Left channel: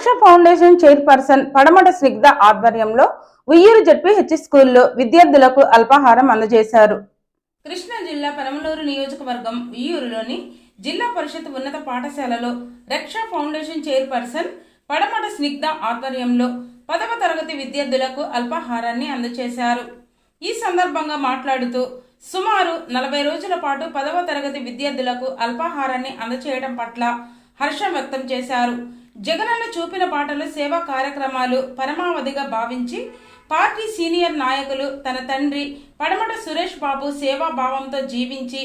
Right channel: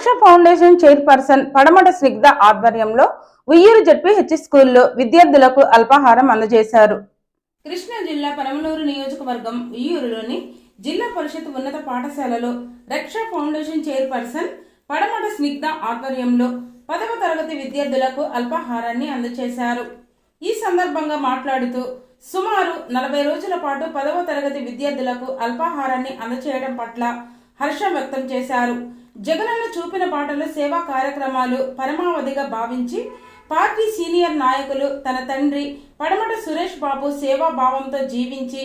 రక్ష foundation chairperson పడమట స్నిగ్ధ ఆధ్వర్యంలో ఉయ్యూరు జడ్పీ హెచ్ స్కూల్లో విద్యార్థులకు అల్పాహారం అందజేశారు. కృష్ణా జిల్లా పరమలూరు నియోజకవర్గం ఉయ్యూరులోని జిల్లా పరిషత్ ఉన్నత పాఠశాలలో రక్ష ఫౌండేషన్ చైర్పర్సన్ పడమట స్నిగ్ధ ఆధ్వర్యంలో పదవ తరగతి విద్యార్థులకు అల్పాహారాన్ని అందజేశారు. ఈ సందర్భంగా మాట్లాడుతూ సుమారు నలభై రోజుల పాటు పదవ తరగతి విద్యార్థులకు అల్పాహారాన్ని అందచేయడం పట్ల హర్షం వ్యక్తం చేశారు. జగనన్న చూపిన పాటలు సేవా కార్యక్రమాలు పరమావధిగా భావించి పార్టీ సీనియర్ నాయకులు తన తండ్రి పడమట సురేష్ బాబు సేవా భావంతో జీవించి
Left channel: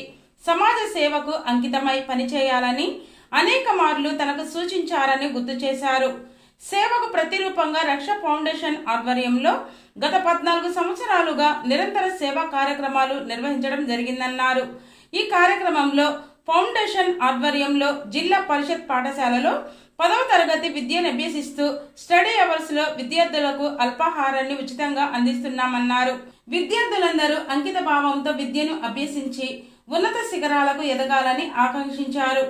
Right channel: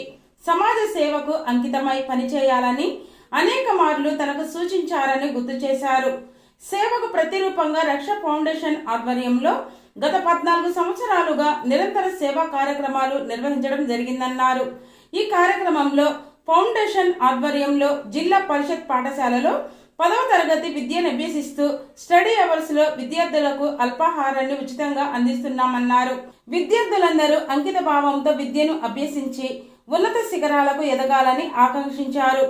సమాజ సేవకు అంకితమై పనిచేయాలని అనేక మార్లు తనకు సూచించారని గుర్తు చేశారు. సేవకు ప్రతిరూపంగా రక్ష ఫౌండేషన్ ఆధ్వర్యంలో గత పద్నాలుగు సంవత్సరాలుగా నిరంతర సేవా కార్యక్రమాలు నిర్వహించడం జరిగిందన్నారు. ఈ కార్యక్రమంలో ఫౌండేషన్ ఆధ్వర్యంలో జిల్లా పరిషత్ పాఠశాలలో పదవ తరగతి విద్యను అభ్యసిస్తూ స్టడీ అవర్స్లో విద్యార్థులకు అల్పాహారాన్ని ఉచితంగా అందిస్తున్నామన్నారు. విద్యార్థులందరూ అంకిత భావంతో విద్యను అభ్యసించి ఉన్నత శిఖరాలకు ఎదగాలని ఆకాంక్షించారు.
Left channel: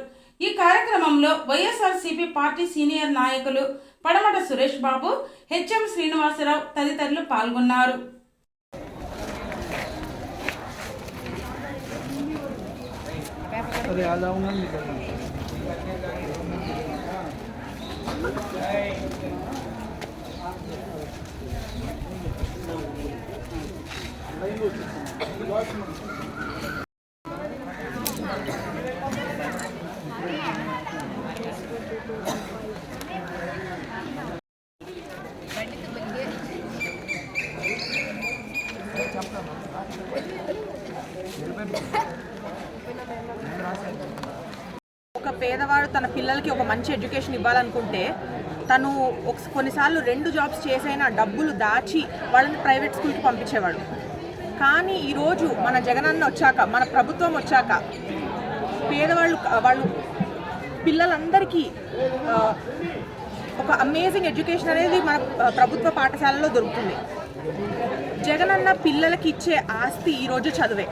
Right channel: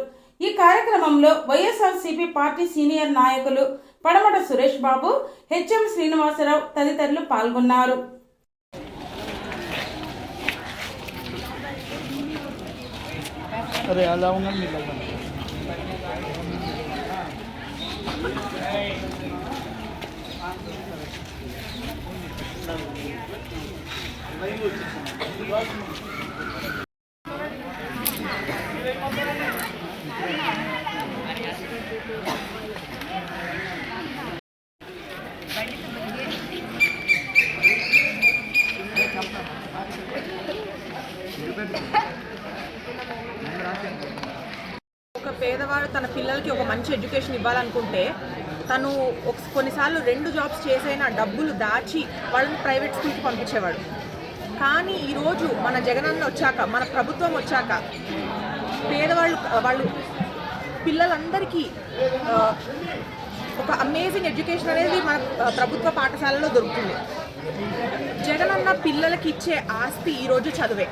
ఈ కార్యక్రమంలో వైఎస్ఆర్సీపీ పార్టీ సీనియర్ నాయకులు పడమట సురేష్ బాబు హెచ్ఎం శ్రీనివాసరావు తదితరులు పాల్గొన్నారు. అరే ఎలా ఉన్నాను మీకు ఒక పేదవాడు తన పిల్లలకి ఒక మంచి ఎడ్యుకేషన్ ఇవ్వాలనుకుంటే తను ఒక కొన్నిసార్లు రెండు జాబ్స్ చేసైనా డబ్బులు దాచి వాళ్ళని ప్రైవేట్ స్కూల్కి పంపించేవాడు. కానీ ఈరోజు మన జగనన్న వచ్చాక మన ప్రభుత్వం వచ్చాక పేదవాళ్ళు వాళ్ళు పిల్లలందరికీ ఒక అమేజింగ్ ఎడ్యుకేషన్ అనేది మన ప్రభుత్వ పాఠశాలలో దొరుకుతుంది. జగనన్న పిల్లలకి ఇచ్చే ఆస్తి ఈరోజు చదువే.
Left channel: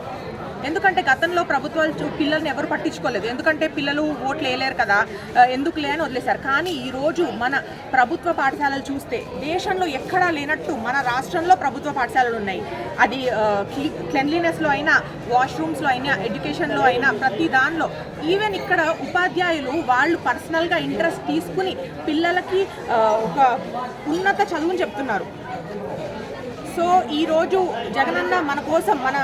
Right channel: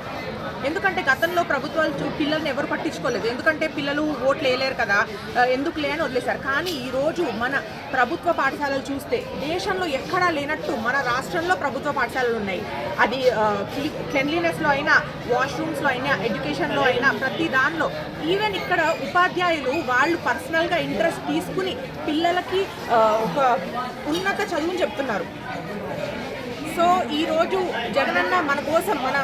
ఎందుకంటే గతంలో ప్రభుత్వాలు చూ- పిల్లల్ని ఎవరు పట్టించుకోలేదు. ఎందుకంటే పిల్లలు ఓట్లు వేయలేరు కదా. ఎందుకు ఎందుకులే అని వదిలేశారు? కానీ ఈరోజు మన ప్రభుత్వ పాఠశాలలు చూస్తే దేశంలో ఎక్కడా లేనట్టు మన రాష్ట్రంలో ప్రభుత్వ పాఠశాలలు ఉన్నాయి. అది క్లెన్లీనెస్లో అయినా వాష్రూమ్స్లో అయినా ఎడ్యుకేషన్లో అయినా ప్రతి దానిలో. ఈవెన్ ఇక్కడ ఉపాధ్యాయులు వాళ్ళు పర్సనల్గా ఇంట్రెస్ట్ తీసుకుని పిల్లలకి ఒక ఉన్నత చదువుని చెప్తున్నారు. సో ఈరోజు జగనన్న మన కోసం మన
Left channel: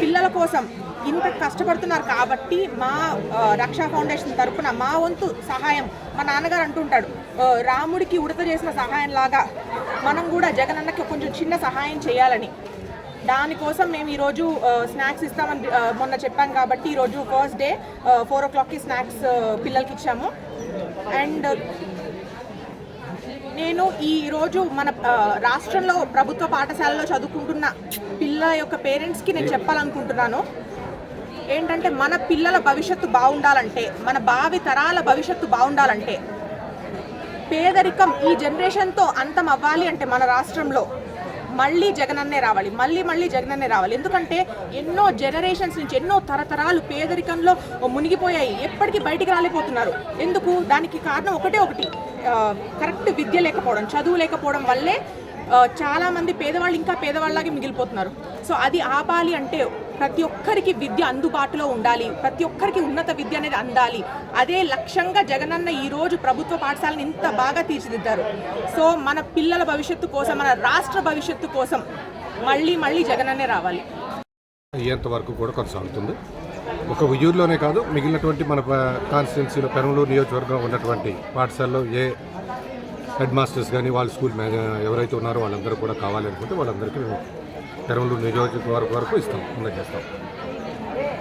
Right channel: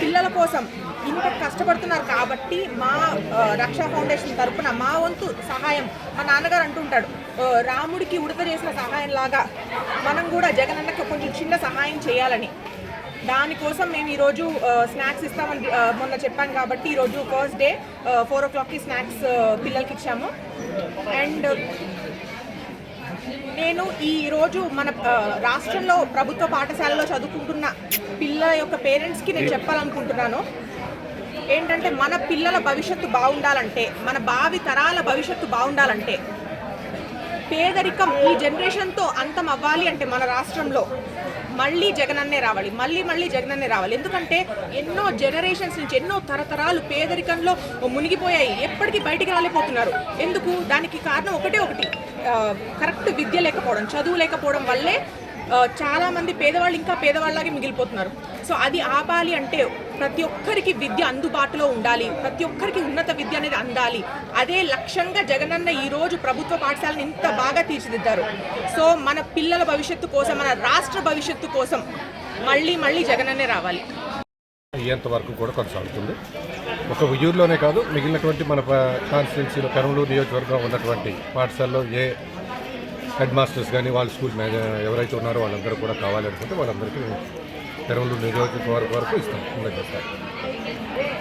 పిల్లల కోసం ఇంత కష్టపడుతున్నారు కాబట్టి మా రక్షా ఫౌండేషన్ తరఫున మా వంతు సహాయం మా నాన్నగారు అంటుంటాడు. రాముడికి ఉడత చేసిన సహాయం లాగా మనం కూడా జగనన్నకి కొంచెం చిన్న సహాయం చేయాలని. దానికోసం మేము ఈరోజు స్నాక్స్ ఇస్తామని మొన్న చెప్పాం కాబట్టి ఈరోజు ఫస్ట్ డే ఫోర్ ఓ క్లాక్కి స్నాక్స్ పిల్లలకి ఇచ్చాము. అండ్ నేను ఈ రోజు మన రాష్ట్రంలో ప్రభుత్వ పాఠశాలలో చదువుకుంటున్న పిల్లల యొక్క పేరెంట్స్కి నేను చెప్పాలనుకుంటున్నాను. ఏంటంటే మన పిల్లల భవిష్యత్తు బాగుండాలంటే మన భావి తరాల భవిష్యత్తు బాగుండాలంటే పేదరికం ఈ జనరేషన్తో అంతం అవ్వాలి అంటే మన రాష్ట్రంలో మళ్ళీ జగనన్నే రావాలి మళ్ళీ మళ్ళీ జగనన్నే రావాలి. ఎందుకంటే ఎన్నో జనరేషన్స్ నుంచి ఎన్నో తరతరాలు పేదరికంలో మునిగిపోయాయి. ఎప్పటికీ బయటికి రాలేకపోతున్నారు. ఎందుకు? దానికి కారణం ఒకటే ఒకటి. కరెక్ట్ విద్య లేకపోవడం చదువు లేకపోవడం వల్లే చాలామంది చాలా మంది పేదవాళ్ళు ఇంకా పేదవాళ్ళలాగే మిగిలిపోతున్నారు. సో అది ఆపాలి అంటే ప్రతి ఒక్కరికి విద్య అందుబాటులో ఉండాలి. ప్రతి ఒక్కరికి ఉన్నత విద్య అనేది అందాలి. అదే లక్ష్యంగా జగనన్న ఈ రోజు ప్రభుత్వ పాఠశాలను ఇంత బాగా తీర్చిదిద్దారు. సో మన పిల్లల భవిష్యత్తు కోసం మన రాష్ట్ర భవిష్యత్తు కోసం మళ్ళీ మళ్ళీ జగనన్నే రావాలి. అయ్యేంత వరకు కూడా కొనసాగుతుంది. ఒక ఉయ్యూరులోనే కాదు మిగిలినటువంటి మన కాన్స్టిట్యున్సీలో పెరంలూరు నియోజకవర్గంలో ఉన్నటువంటి పాఠశాలలో ఏ హెడ్ మాస్టర్స్ కానీ వాళ్ళ స్కూల్ మేనే ఎవరైతే ఉన్నారో వాళ్ళందరూ కూడా కావాలనుకుంటే వాళ్ళందరికీ పెరంలూరు నియోజకవర్గం వరకు ఇస్తాం అందజేస్తాం.